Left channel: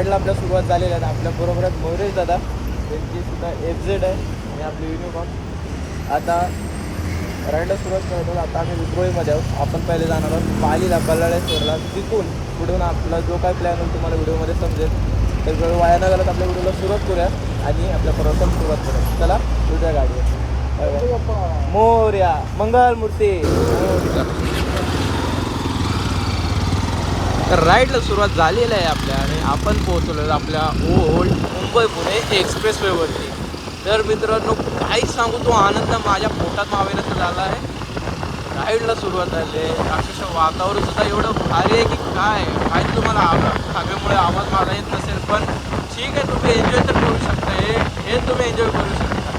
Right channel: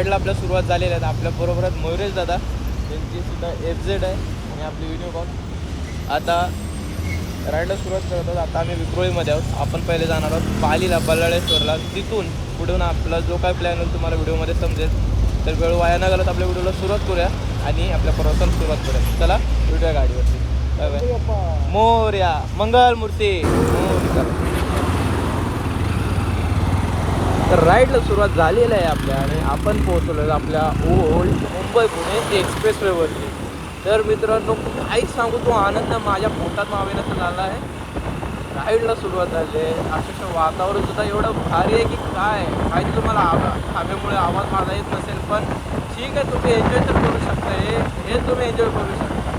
राईडला आपल्या सुरुवात झालेली आहे. आपल्या बरोबर आहेत मयुरेश दादा, त्यांची सुद्धा FZ आहे आणि आपली युनिकॉर्न. आता राईडला सुरुवात करत आहोत. आता आम्ही विक्रोळीमध्ये आहोत. आपण पहिले जाणार आहोत पालीला, बल्लाळेश्वरला. तिथून पुढून आपला जो काय प्लॅन होईल तुम्हाला व्हिडिओमध्ये समजेल. तर वेळ वाया न घालत आपल्या व्हिडिओला सुरुवात करूया आणि आपल्या प्रवासाला सुरुवात करूया. चला व्हिडिओ गाडीवर. मोरया मंगल मूर्ती. तर राईडला सुरुवात झालेली आहे आपल्या आणि आपण पोहोचलो आपल्या ओल्ड मुंबई पुणे एक्सप्रेसवेवरती. तर मित्रांनो काही सांगू, तो आनंद माझ्या पोटात मावेनाचा झाला आहे. राईडला सुरुवात झाली आहे. अक्षरशः वातावरण सुद्धा एवढं भारी आहे की काय माहिती तुम्हाला. हवेमुळे आवाज माझा येत नसेल, पण ठीक आहे, तुम्ही एन्जॉय तर करू शकता. हे तुम्ही एन्जॉय करू शकता.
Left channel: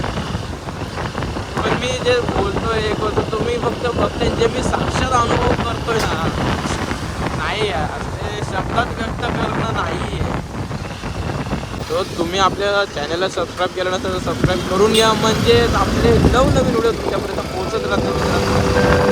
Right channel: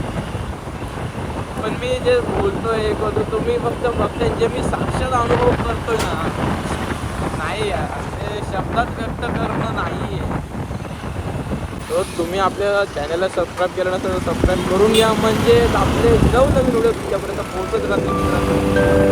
पण मी जे बोलतोय हे करतो, तुम्ही फक्त बघताय. जे मी साक्षात अनुभव करतोय ना, नाही यार, ते शब्दात व्यक्त करणं नाही आहे. तो तुम्ही आपल्या चॅनलला सबस्क्राईब केलं नसेल तर सबस्क्राईब करून घ्या, म्हणजे आपले नवनवीन व्हिडिओ तुमच्यापर्यंत पोहोचत राहतील मित्रांनो.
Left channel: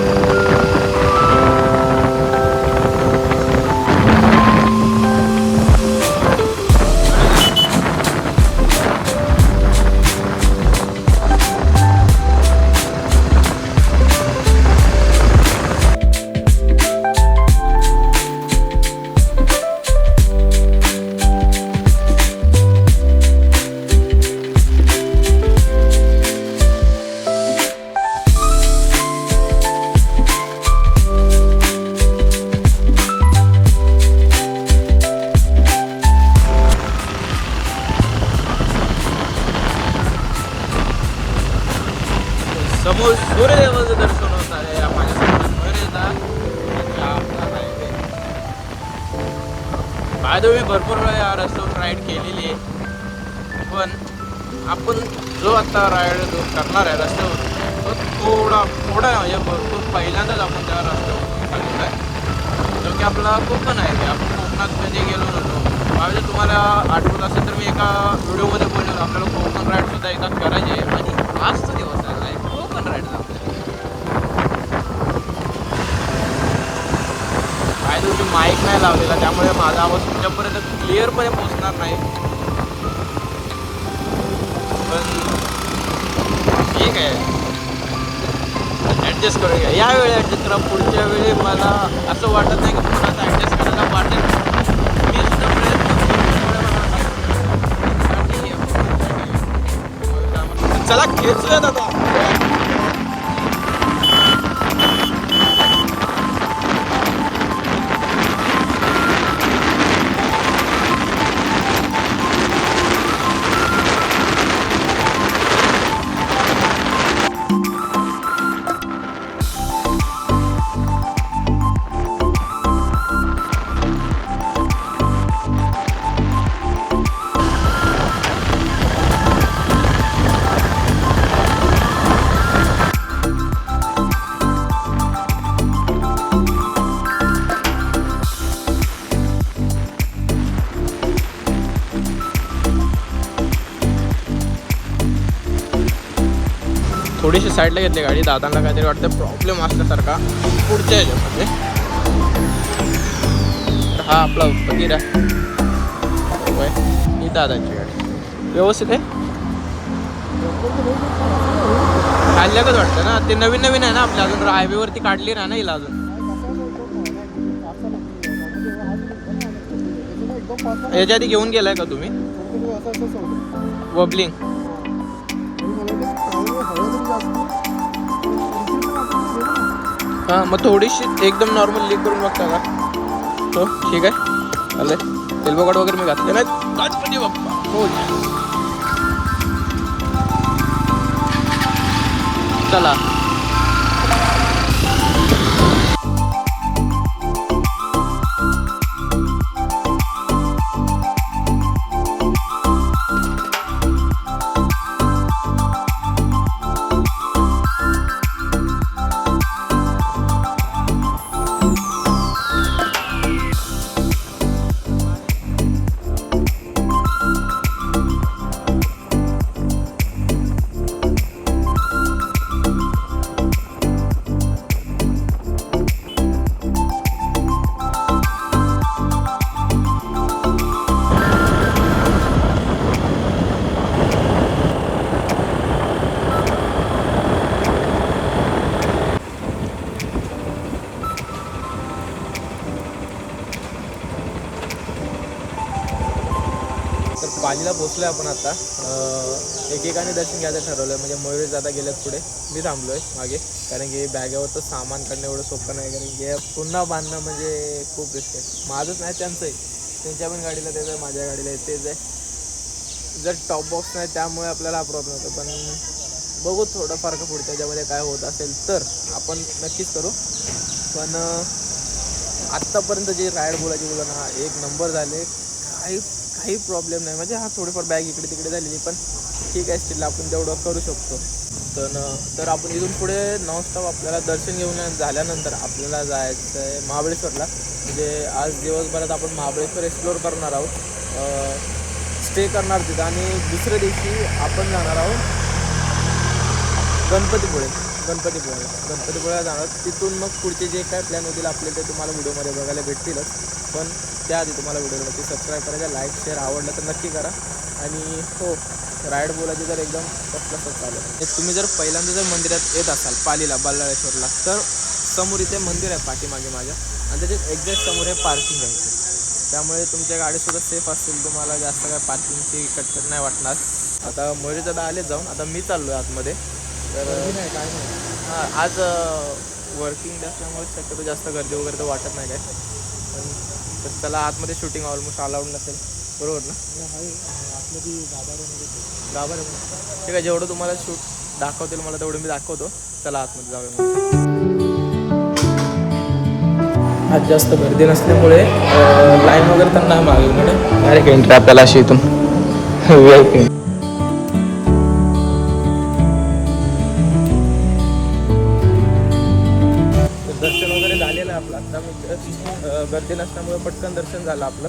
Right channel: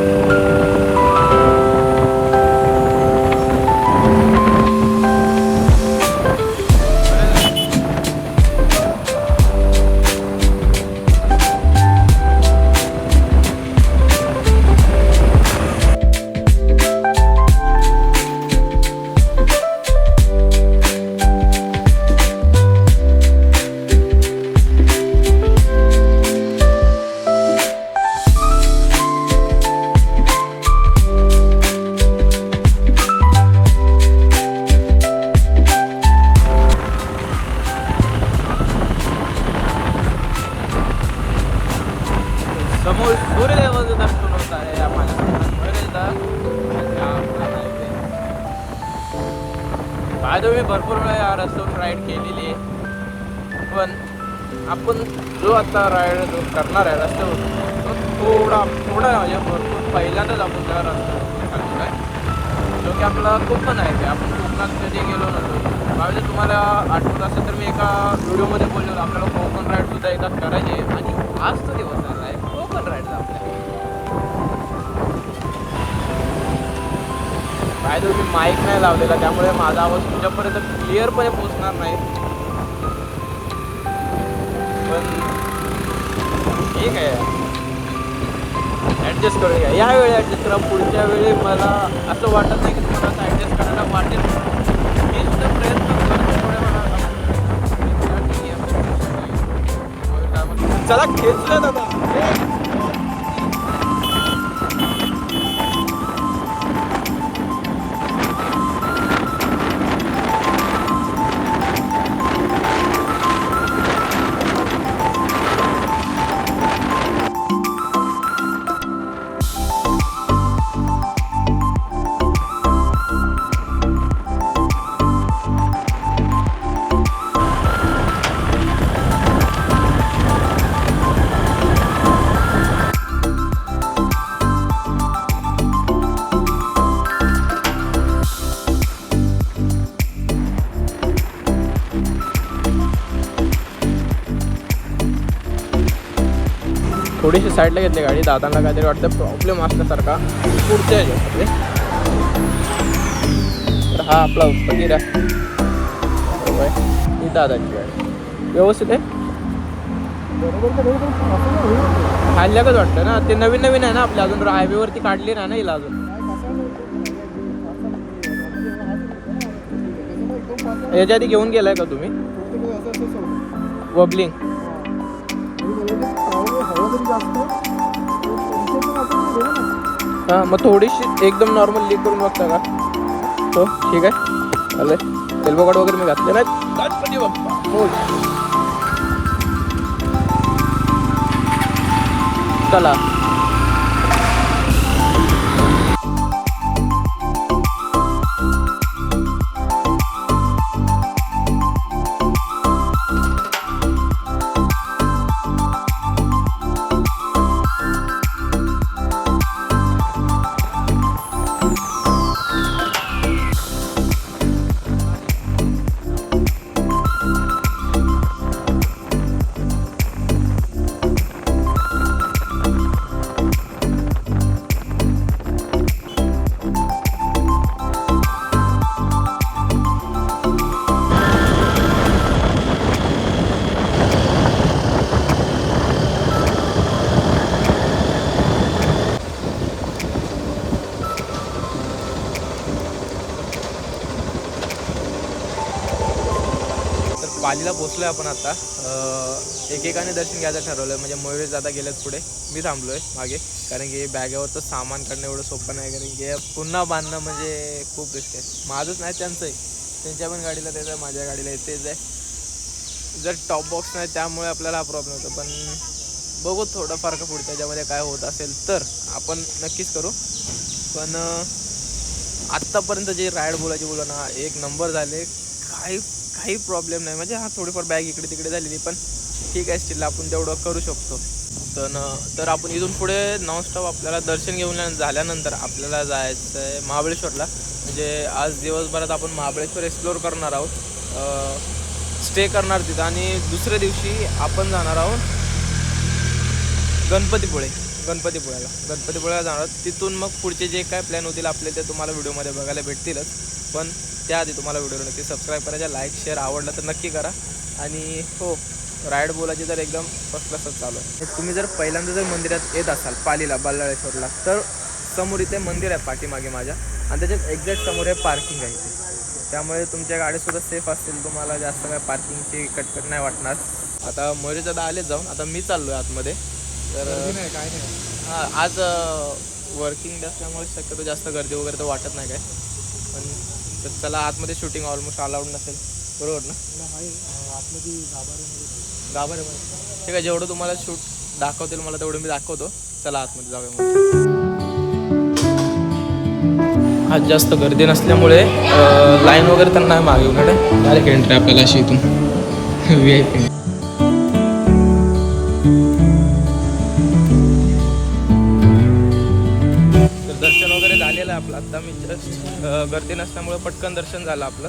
समोर सूर्यदेवाचं दर्शन होत आहे. माझ्यासमोर मयुरेशदा आधी मी भरपूर वेळा या रस्त्यावर राईड केलेली आहे, पण आपण जो आता राईड करणार आहे रस्त्यावर तो थोडा म्हणजे भरपूर पहिल्यांदाच आपण त्या रस्त्यावर चाललेलो आहे, जो की आपला कोकण आहे. आपण कोकणात कधी गेलो नव्हतो. म्हणजे तुम्हाला आठवत असेल तर मी एका व्हिडिओमध्ये बोललो आपल्याला कोकण राईड सुद्धा एकदा करायची आहे आणि आजचा दिवस आला आहे कोकण राईड आपल्या. काय तर मी माईक नाही लावलेला, त्यामुळे माझा आवाज तुमच्यापर्यंत क्लिअरपणे पोहोचणार नाही, पण ठीक आहे, ॲडजस्ट करूया. यावेळी ॲडजस्ट करा, पुढच्या वेळी मला असं वाटत नाही की तुम्हाला असं ॲडजस्ट करायला वाटेल. मी सुद्धा प्रयत्न करतो. चला खेचूया दादा. थोडीशी साईडला घेतली गाडी. दादांना काहीतरी वाटतं प्रॉब्लेम असल्यासारखा पुढच्या ह्याच्यामध्ये. तर हा आपला फकीर आहे, ही दादांची गाडी व्यवस्थित आहे. खाल्ल्याकच वाटतं ना, ते नवीन नवीन आहे ना आपल्या, अजून हायवेवरती काढली नाही ना हिला अजून. याच्या आधी घेऊन गेलाय का तुम्ही वबलिंग? हां, मग थोडीशी एकदम नॉर्मल लीक करून बघता का? तो ठीक आहे, चालेल. एल्बो कार्ड वगैरे मी घातले नाहीत. गणपती बाप्पा मोरया. चला पालीला पोचलो आहे आपण आता. एकेकाने दर्शन घ्यायचं ठरवलं आहे. म्हणजे मयुरेश दादा गेलेत पुढे, मी थांबलो आहे मागे. कारण की बॅगेवरचं सामान काढणं एवढं सोपं नाही. कारण की पुन्हा बांधणं म्हणजे खूप रिस्क आहे. माझंच नाही त्यांचंही, त्यांच्या पण गाडीला तेच आहे, माझ्या गाडीला तेच आहे. जर टॉप बॉक्स नाही त्यामुळे आपल्याला हा प्रॉब्लेम होतो. पण बघू थोडंफार का पुढे त्याच्यामध्ये काय होत असेल तर आपण नक्कीच करू. पण आत्तापर्यंत जे राईड बोलायची बोला ना, एक नंबर झाले. काही प्रॉब्लेम नाही. म्हणजे थोडीफार बॅग इकडे तिकडे झालेली, पण ठीक आहे, स्टील आपण तेवढं करू शकतो. तर आपण इथून पुढे नॉनस्टॉप आपल्याला दर्शन घेऊन झाल्यानंतर आपल्याला जायचं आहे महाबळेश्वरला. म्हणजे आज दिवसभरात आपण महाबळेश्वर एक्सप्लोअर करणार आहोत, स्टे करणार तिथं. आणि दुसऱ्या दिवशी आपण जाणार आहोत गणपतीपुळ्याला जाणार. तिथून मग पुढचे जे काय प्लॅन होतील आपले ते तुम्हाला व्हिडिओमध्ये बघायला भेटतीलच. पण त्याआधी तुम्हाला व्हिडिओला नक्की सबस्क्राईब करायचा, लाईक शेअर आवडलं तर नक्की करा. आणि हो, राईड बोलायची तर एकदम फर्स्ट क्लासच चालू आहे. तुम्ही जर पहिल्यांदा जर मंदिरात येत असाल पालीला, बल्लाळेश्वरला, तर समोर इथे मंदिर आहे पाठीमागे माझ्या, आणि त्याच्यात एक्झॅक्ट समोर आहे पार्किंग आहे. त्यामुळे तुमच्या गाडीसुद्धा सेफ असतील, तुम्हाला जास्त काय पार्किंगची कटकट नाही वाटणार. आता मयुरेश दादा आलेच जाऊन, आता मी चाललो आहे आतमध्ये. तर काय नाही, हां, आज वर्किंग डे असल्यामुळे शक्यतो जास्त गर्दी वगैरे तर वाटत नाही काय. पण तर चला, आतमध्ये शूटिंग ऑलमोस्ट अलाउड नसेल, बरोबर ना? आतमध्ये गाभारे ठीक आहे, जेवढं तुम्हाला शूट दाखवतील मला तेवढं मी दाखवतो. चला आतमध्ये जाऊया मग. आज जास्त गर्दी नसल्यामुळे लाईन वगैरे तर नाही मागे, डायरेक्ट एंट्री आपल्याला अशी इथून VIP. दर्शन वगैरे झालेलं आहे आपलं. आता मी गर्दी नसल्यामुळे पटकन दर्शन झालं आपलं.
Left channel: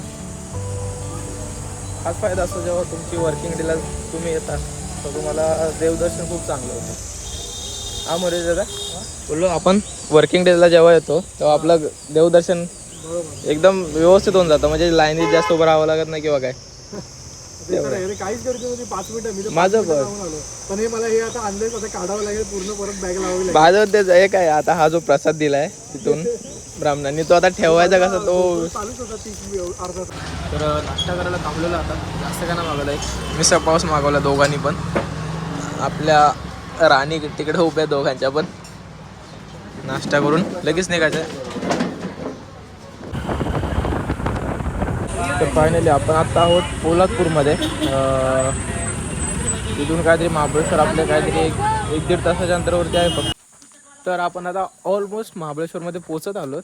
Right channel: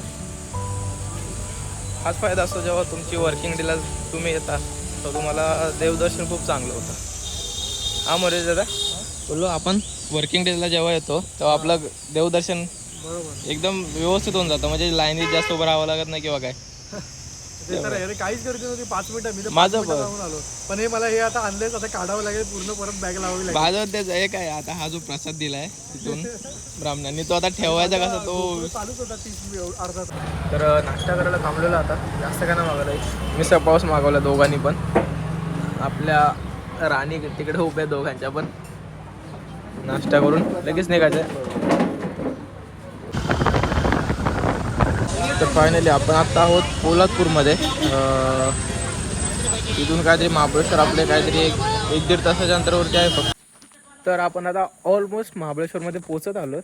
हाच फायदा असतो जेव्हा तुमची वर्किंग डेला तुम्ही येता, तर तुम्हाला देवदर्शन खूप चांगलं होतं. हा मयुरेश दादा बोललो, आपण वर्किंग डेला जेव्हा येतो तेव्हा आपलं देवदर्शन एकदम व्यवस्थित होऊन जातं. म्हणजे लाईनीत जास्त उभं राहावं लागत नाही किंवा काय. काहीच गर्दी नव्हती, 5 मिनिटं मी माझं पण आलो. पण हे मला हे आता आणलेच, आता काढावं लागेल, पूर्ण परत बॅग लावावी लागेल. माझं तेच आहे काय, आता हा जो प्रसाद दिलाय तिथून ब्राह्मणांनी, तो आता ठेवायचा कसा, तो चालूच होता 30 अर्धा. तर नाश्ता करायला थांबलेला. आता जास्त काय नाही मागवलं आहे, मिसळ पावस मागवला दोघांनी पण. आपल्या राणी तिकडे उभ्या दोघांच्या पण. नाश्ता करून लगेच निघायचं आहे. तर फायनली आपण आता आहोत पोलादपूरमध्ये. तिथून काहीतरी महाबळेश्वर आपले काहीतरी एक 1-1.5 तासाच्या अंतरावरती आहे फक्त. तर आपण आता ऑलमोस्ट महाबळेश्वरमध्ये पोहोचत आलो.